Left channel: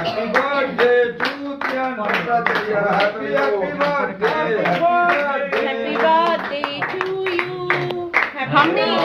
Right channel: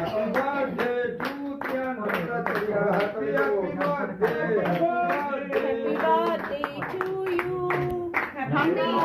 Happy birthday to Tiana. Happy birthday. Happy birthday to you. Happy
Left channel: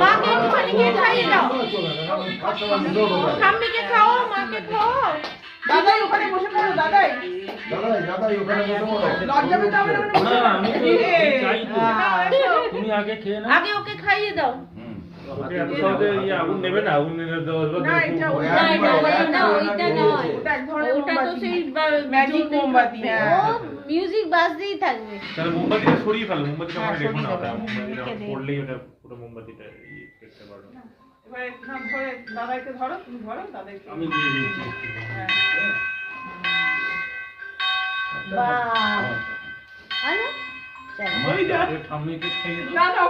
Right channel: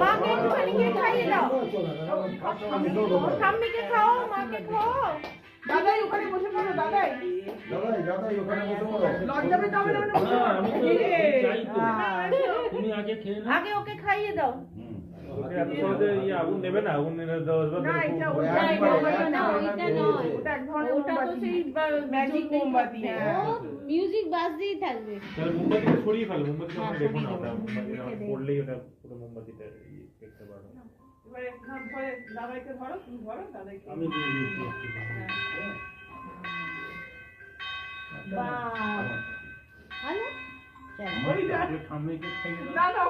মাকে একটুখানি কে খাইয়ে দাও ঠাম্মিকে খাও মাকে খাও দাদাই ওখানে বসে পড়ো দাদাই ওখানে বসে পড়ো লজ্জা পেতে হবে না আমি চাই তো তুমি আগে খেয়ে নাও আগে ওকে খাইয়ে দাও আগুন নেবে না আগুন নেবে ওটা তো সেই ম্যাজিক মোমবাতি মিউজিক বাজতেই থাকবে তাহলে মোমবাতিটা সরিয়ে ফেলো মোমবাতিটা মানে দেখো না ওটা মোমবাতিটা পড়লেই ওটা পুরো মোমবাতিটা দেখতে পারবে এবারে নাম ধরে দাদাইকে ধরো তুমি ধরো দাদাইকে আমি দিয়ে দিচ্ছি বাহ আরে চলো ওই যা ঠাম্মিকে খাইয়ে দাও দাদা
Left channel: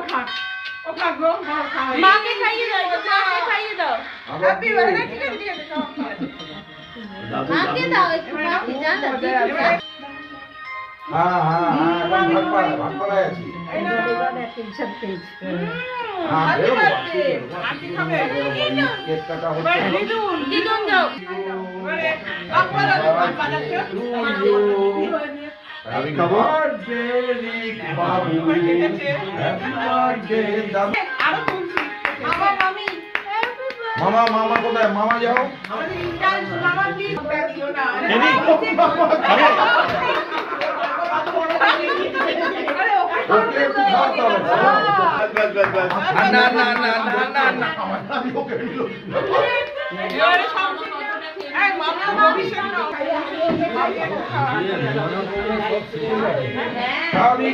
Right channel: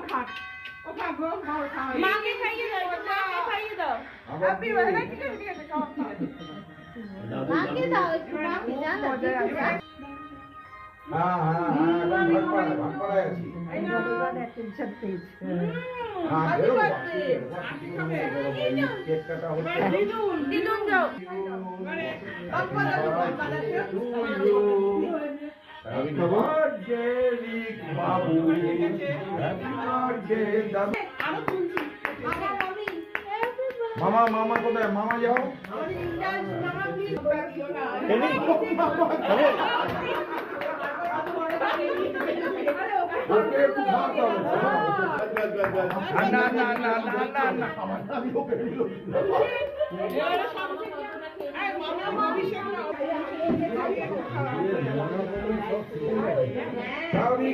ও খাক গো খাও মাকে খাইয়ে দাও মাকে খাইয়ে দাও হ্যাপি বার্থডে ঠিক আছে খাও মাকে দাও একটু মাকে জানা ভাগ করা আছে কেক কাটা হচ্ছে দিদুন যাও আমি খাবো বাবু আরো তুলছি মামা মামি মামা কোথায় মামা যাও আমাদের ইন্টার মামা প্লিজ ব্যাগ দিও না ওকে একটু খাওয়াতে হবে না আমি ওকে নিল খাওয়ারি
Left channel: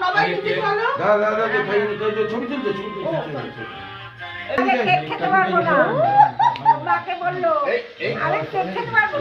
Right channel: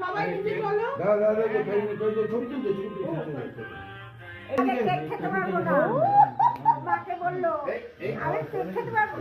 সবাই কিছু চলো দাদা ছবি তুলছে খেতে পারবো না মাকে বললো আরে খেতে পারবো